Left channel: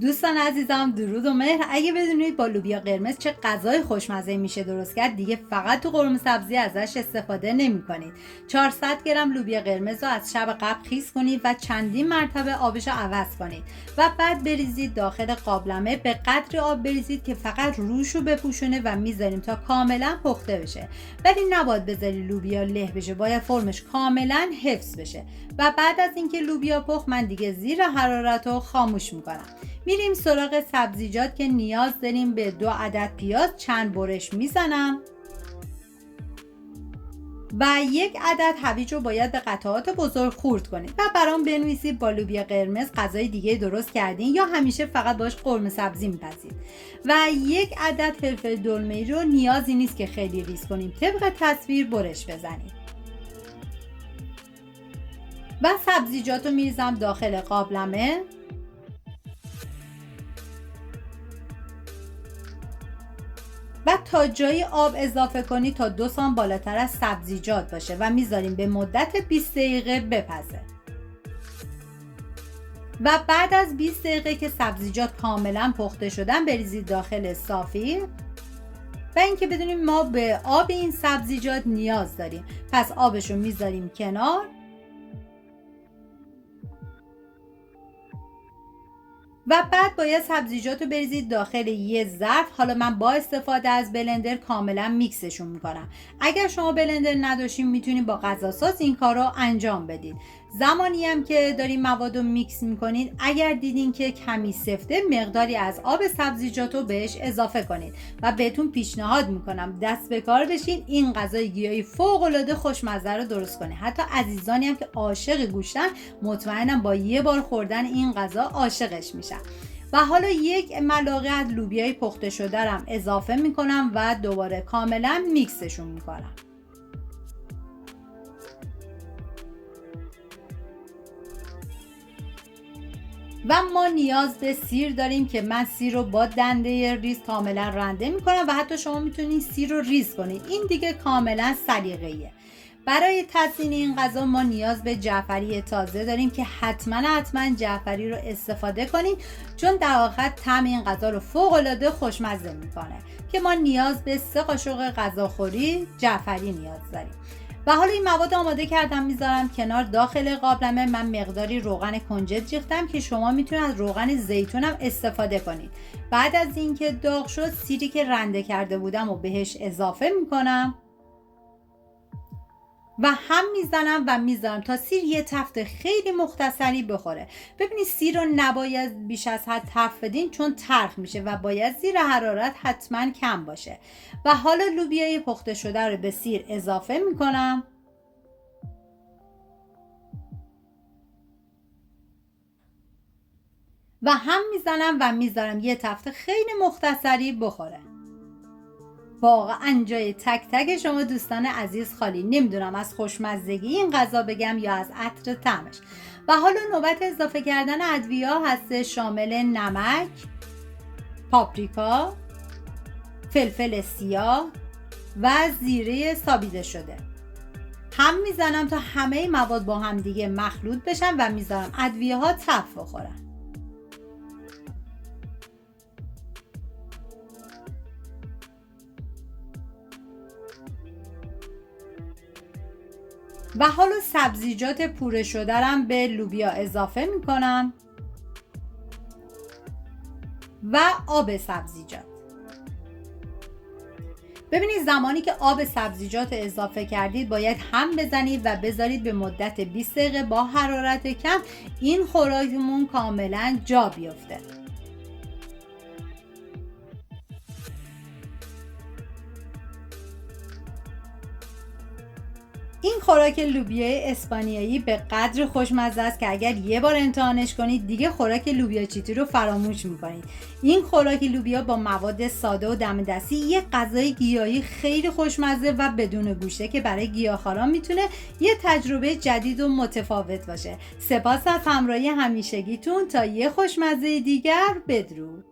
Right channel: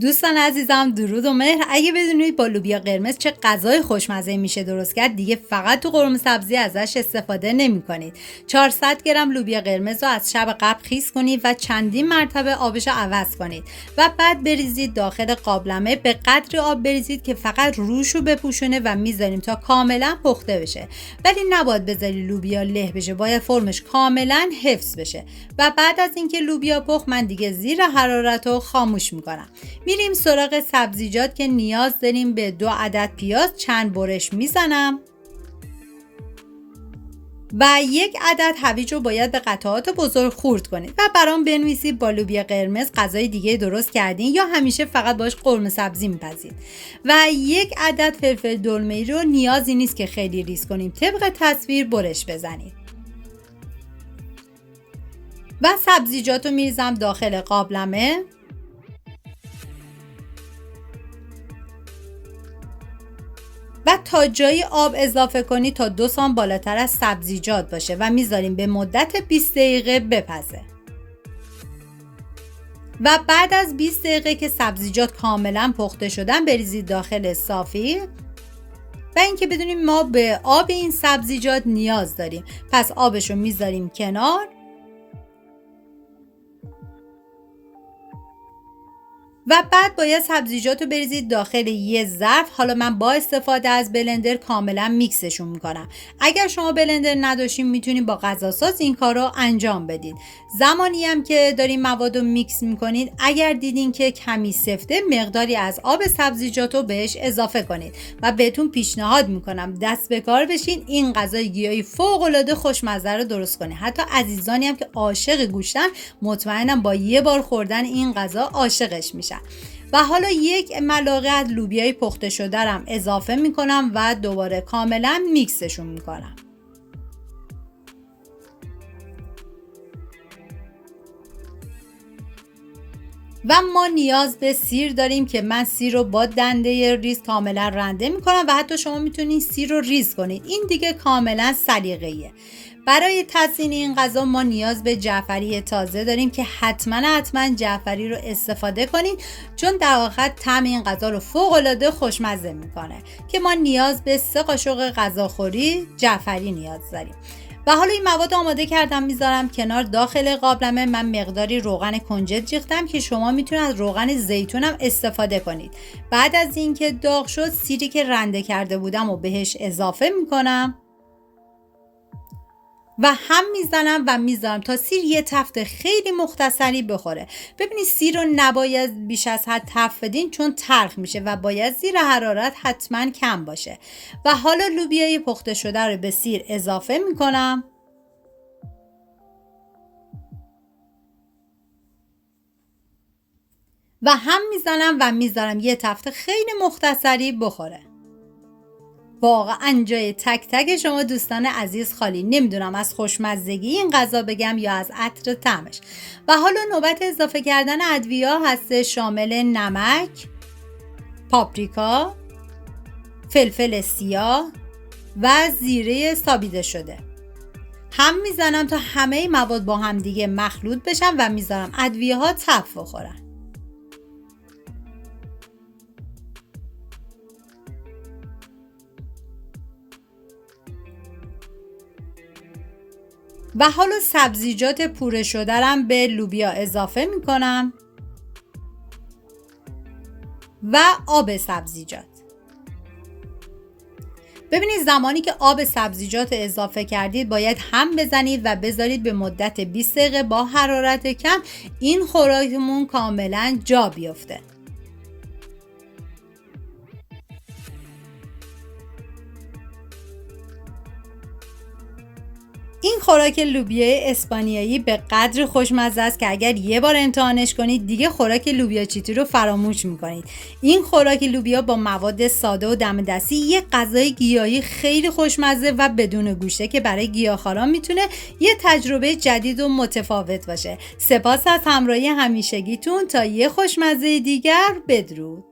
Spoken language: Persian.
دوستان عزیزم، درود و مهر. اگه بدونید با لوبیا قرمز چه غذای خوشمزه میشه درست کرد، دیگه فقط تو قرمه سبزی ازش استفاده نمی کنید. 400 گرم لوبیا قرمز رو از شب قبل خیس کنید و چندین مرتبه آبش رو عوض کنید و بعد بریزید داخل قابلمه. به قدر آب بریزید که فقط روش رو بپوشونه و میذاریم تا کاملا پخته بشه، ولی نباید بذاری لوبیا له بشه، باید فرمش کاملا حفظ بشه. و بعد از اینکه لوبیا پخت، من دیگه زیر حرارت رو خاموش میکنم. میریم سراغ سبزیجات که نیاز داریم. به 2 عدد پیاز چند برش میزنم و 1 عدد هویج رو باید به قطعات بزرگ خورد کنید و برام بنویسید با لوبیا قرمز غذای دیگه درست کردین یا همیشه فقط باش قرمه سبزی میپزید. و 1 عدد فلفل دلمه‌ای رو نیازی نیست که خیلی ریز کنیم، طبق تصویر برش بزنید. و سبزیجات رو میریزم داخل قابلمه و تا جایی آب اضافه کنید تا 2 سانت بالاتر از سبزیجات باشه و میذاریم به مدت 20 دقیقه بپزه. و بعد از 20 دقیقه که سبزیجات کاملا پخته شدن، بریزید داخل صافی و اینکه بدونیم ما به آب این سبزیجات نیاز داریم. پس آبش رو میذاریم کنار و بعد باید سبزیجات رو بریزید داخل یه ظرف. حالا من با استفاده از بلندر کاملا میکسشون میکنم. اگر شما بلندر نداشتین میتونید با غذاساز این کار رو انجام بدید. زمانی هم که دارین مواد رو میکس میکنید، اگر دیدین که کمی سفته، مقداری از آب سبزیجات رو بهش اضافه کنید و بهتون پیشنهاد میکنم دست به کار بشین این غذای گیاهی فوق العاده خوشمزه رو درست کنید. حتی عزیزانی هم که عاشق گوشتن، مطمئنم با یه بار خوردن این غذا عاشقش میشن. و حالا 1 ملعقه از لوبیای پخته شده رم اضافه میکنم و دوباره کاملا میکسشون میکنم. و ما نیاز به سیر داریم که من سیر رو با دنده ریز کاملا رنده میکنم و حتی شما میتونید سیر رو ریز کنید. این دیگه کاملا سلیقه‌ایه. برای تزیین این غذا ما نیاز به جعفری تازه داریم که حتما جعفری رو استفاده کنید، چون در آخر طعم این غذا رو فوق العاده خوشمزه میکنه. که ما نیاز به 3 قاشق غذاخوری جعفری نیاز داریم. و حالا این مواد آماده کردم، میذارم کنار. داخل قابلمه من مقداری روغن کنجد ریختم که شما میتونید از روغن زیتون هم استفاده کنید. بعد از اینکه داغ شد، سیری که رنده کرده بودم و بهش اضافه میکنم و هم میزنم و میذارم تا سیر یه تفت خیلی مختصری بخوره. ببینید سیر رو نباید بیش از حد تفت بدین، چون تلخ میشه و باید زیر حرارت حتما کم باشه. و حالا لوبیای پخته شده رو به سیر اضافه میکنم و هم میزنم و میذارم یه تفت خیلی مختصری بخوره. واقعا جای تک تک شما دوستان عزیز خالی. نمیدونم از خوشمزگی این غذا بگم یا از عطر طعمش. و حالا نوبت اضافه کردن ادویه هست، شامل نمک، پاپریکا، فلفل سیاه و زیره سابیده شده. هم میزنم تا همه مواد با هم دیگه مخلوط بشن و میذارم ادویه ها تفت بخورن. و حالا سبزیجات پوره شده رم به لوبیا اضافه میکنم و آب سبزیجات. ببینید زمانی که آب سبزیجات اضافه کردید، باید هم بزنید و بذارید به مدت 20 دقیقه با حرارت کم این خوراکمون کاملا جا بیفته. این خوراک لوبیای اسپانیایی به قدر خوشمزه است که اگر یه بار امتحانش کنید دیگه خوراک لوبیا چیتی رو فراموش میکنید. این خوراک لوبیا با مواد ساده و دم دستی یک غذای گیاهی خیلی خوشمزه و بدون گوشته که برای گیاهخواران میتونه یه تجربه جدید و متفاوت باشه. سپاس از همراهی همیشگیتون. تا یه خوشمزه دیگر، بدرود.